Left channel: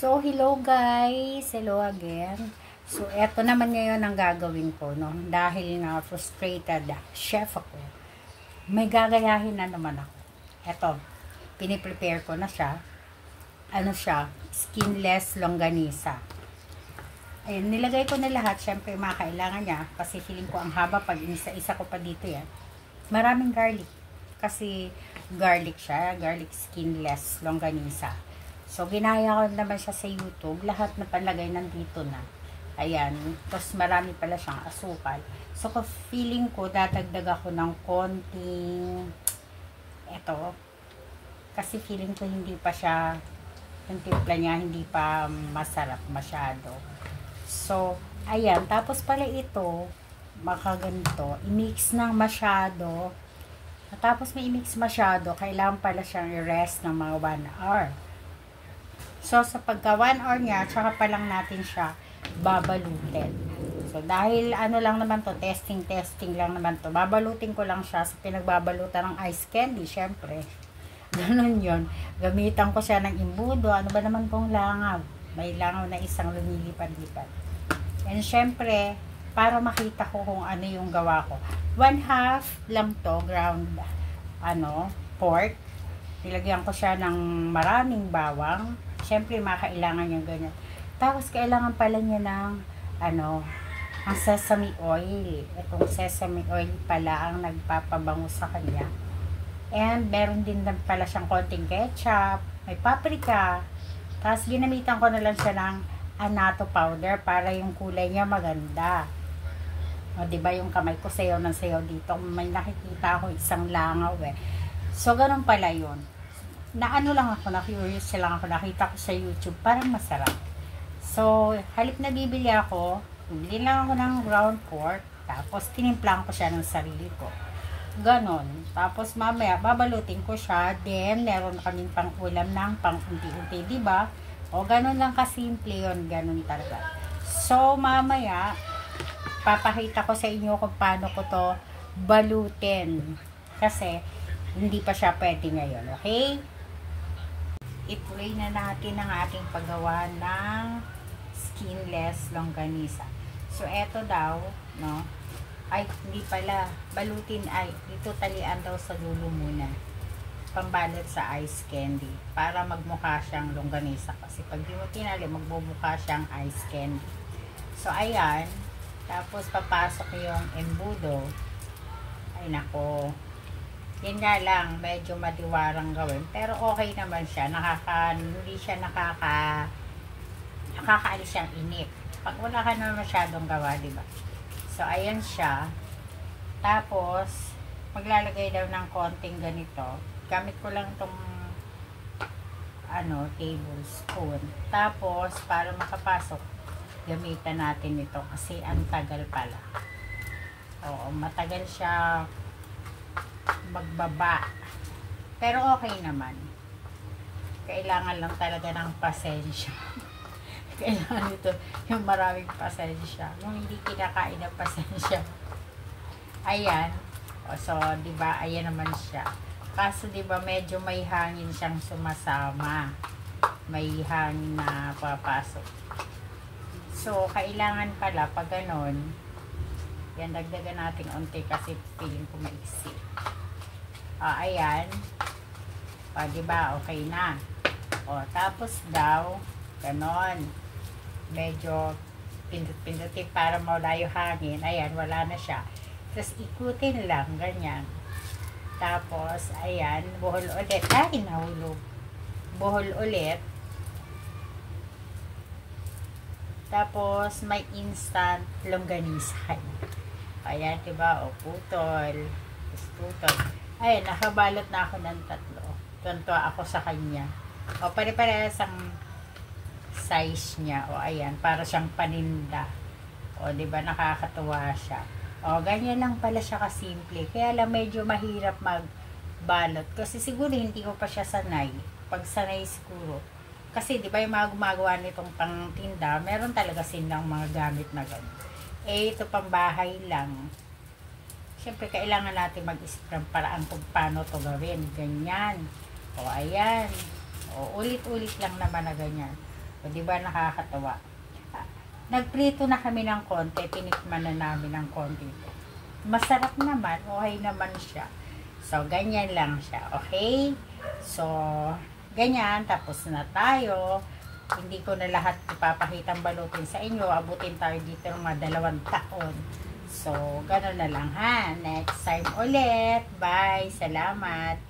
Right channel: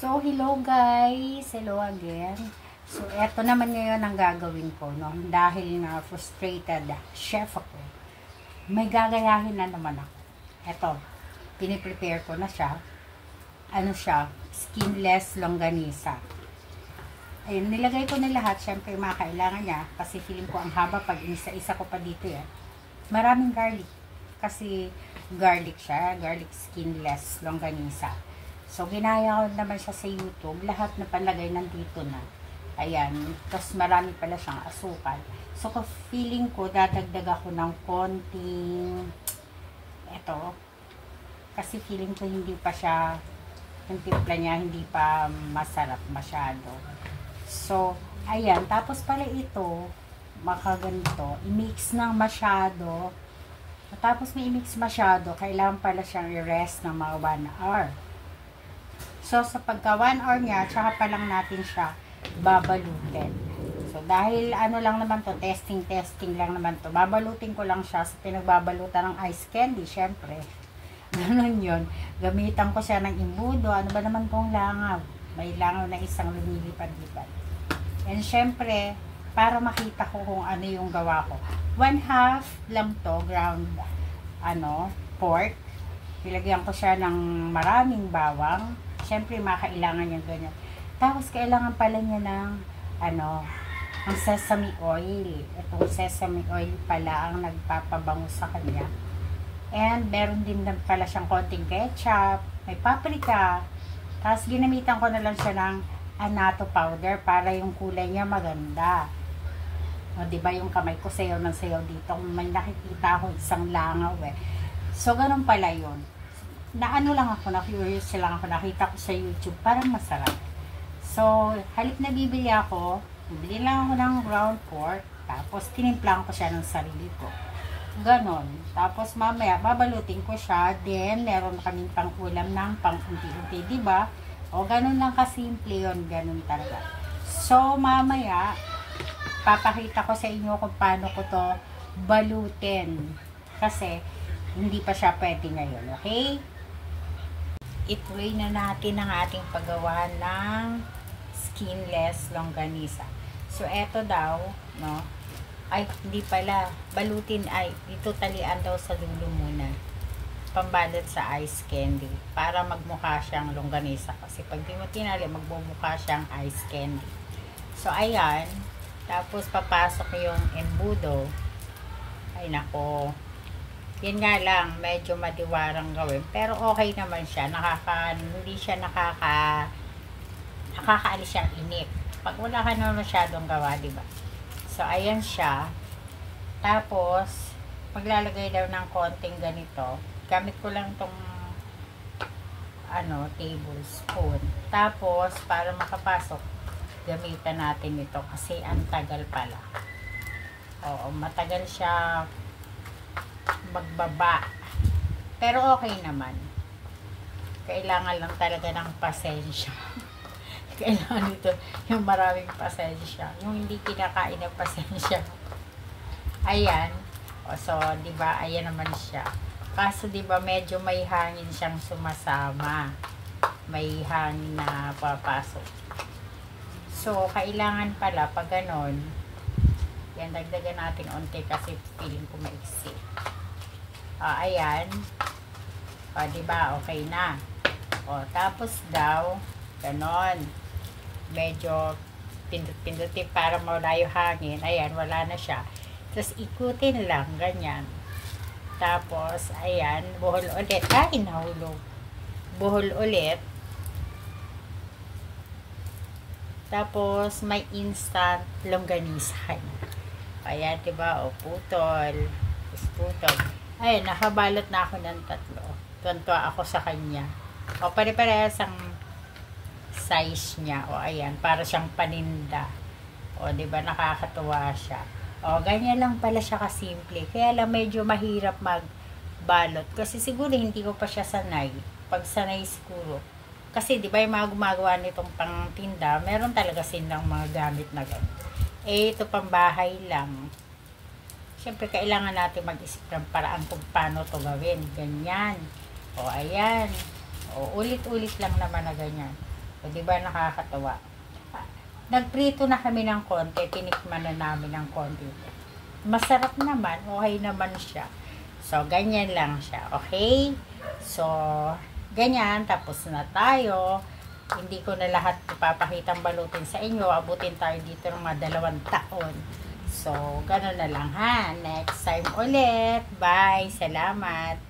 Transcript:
So, hello guys! Hello again. So, eto naman ngayon ang gagawin ko, no? Dahil na frustrated chef ako. May gagayahin na naman ako. Eto, piniprepare ko na siya. Ano siya? Skinless longganisa. Ayun, nilagay ko na lahat. Siyempre, makakailangan niya. Kasi feeling ko ang haba pag isa-isa ko pa dito yan. Maraming garlic. Kasi garlic siya. Garlic skinless longganisa. So, ginaya ko naman siya sa YouTube. Lahat na palagay nandito na. Ayan. Tapos, marami pala siyang asukal. So, feeling ko, dadagdag ako ng konting eto. Kasi feeling ko hindi pa siya, yung timpla niya, hindi pa masarap masyado. So, ayan. Tapos pala ito, makaganito, i-mix na masyado. Tapos may i-mix masyado, kailangan pala siyang i-rest ng mga 1 hour. So, sa pagka 1 hour niya, tsaka pa lang natin siya babalutin. So, dahil ano lang naman to, testing lang naman to. Babalutin ko lang siya sa pinagbabalutan ng ice candy, syempre. Ganun yun. Gamitan ko siya ng imbudo. Ano ba naman tong langaw? May langaw na isang lumilipad-lipad. And syempre, para makita ko kung ano yung gawa ko. 1/2 lang to, ground, pork. Nilagyan ko siya ng maraming bawang. Siyempre, makailangan niya ganyan. Tapos, kailangan pala niya ng, ang sesame oil. Itong sesame oil pala ang nagpapabango sa kanya. And, meron din pala siyang konting ketchup, may paprika. Tapos, ginamitan ko na lang siya ng annatto powder para yung kulay niya maganda. O, diba yung kamay ko sayaw ng sayaw dito. May nakikita ko isang langaw eh. So, ganun pala yun. Naano lang ako, na-curious lang ako, nakita ko sa YouTube, parang masarap. So, halip na bibili ako, bibili lang ako ng ground pork, tapos tinimplang ko siya ng sarili ko. Ganon. Tapos mamaya, babalutin ko siya, then meron kaming pang ulam ng pang unti-unti, diba? O, ganon lang kasimple yun, ganon talaga. So, mamaya, papakita ko sa inyo kung paano ko to balutin. Kasi, hindi pa siya pwede ngayon, okay? I-try na natin ang ating paggawa ng skinless longganisa. So, eto daw, no? Ay, hindi pala. Balutin ay, ito talian daw sa dulo muna. Pambalot sa ice candy. Para magmukha siyang longganisa. Kasi pag di mo tinali, magmumukha siyang ice candy. So, ayan. Tapos, papasok yung embudo. Ay, nako. Yan nga lang, medyo madiwarang gawin. Pero okay naman siya. Hindi siya nakakaalis siyang inip. Pag wala ka na masyadong gawa, diba? So, ayan siya. Tapos, maglalagay daw ng konting ganito. Gamit ko lang itong tablespoon. Tapos, para makapasok, gamitan natin ito. Kasi, ang tagal pala. Oo, matagal siya magbaba. Pero okay naman. Kailangan lang talaga ng pasensya. Kailangan ito yung maraming pasensya. Yung hindi kinakain ng pasensya. Ayan. O, so, diba, ayan naman siya. Kaso, diba, medyo may hangin siyang sumasama. May hangin na papasok. So, kailangan pala, pag ganon, yan, dagdagan natin onti kasi feeling ko maiksi. Ayan. Diba? Okay na. Tapos daw, ganon. Medyo pindut-pindutin para mawala yung hangin. Ayan, wala na siya. Tapos ikutin lang, ganyan. Tapos, ayan, buhol ulit. Ay, nahulog. Buhol ulit. Tapos, may instant longganisa. Ayan, diba? O, putol. Putol. Ayan, nakabalot na ako ng 3. Tuntua ako sa kanya. O, pare-parehas ang size niya. O, ayan, para siyang paninda. O, diba, nakakatuwa siya. O, ganyan lang pala siya kasimple. Kaya lang medyo mahirap magbalot. Kasi siguro hindi ko pa siya sanay. Pag sanay siguro. Kasi, diba, yung mga gumagawa nitong pangtinda, meron talaga silang mga gamit na gano'n. Ito pang bahay lang. Siyempre, kailangan natin mag-isip ng paraan kung paano to gawin. Ganyan. O, ayan. O, ulit-ulit lang naman na ganyan. O, di ba nakakatawa? Nagprito na kami ng konti, tinikman na namin ng konti. Masarap naman, okay naman siya. So, ganyan lang siya, okay? So, ganyan, tapos na tayo. Hindi ko na lahat ipapakitang balutin sa inyo. Abutin tayo dito ng mga 2 taon. So, gano'n na lang ha. Next time ulit. Bye. Salamat.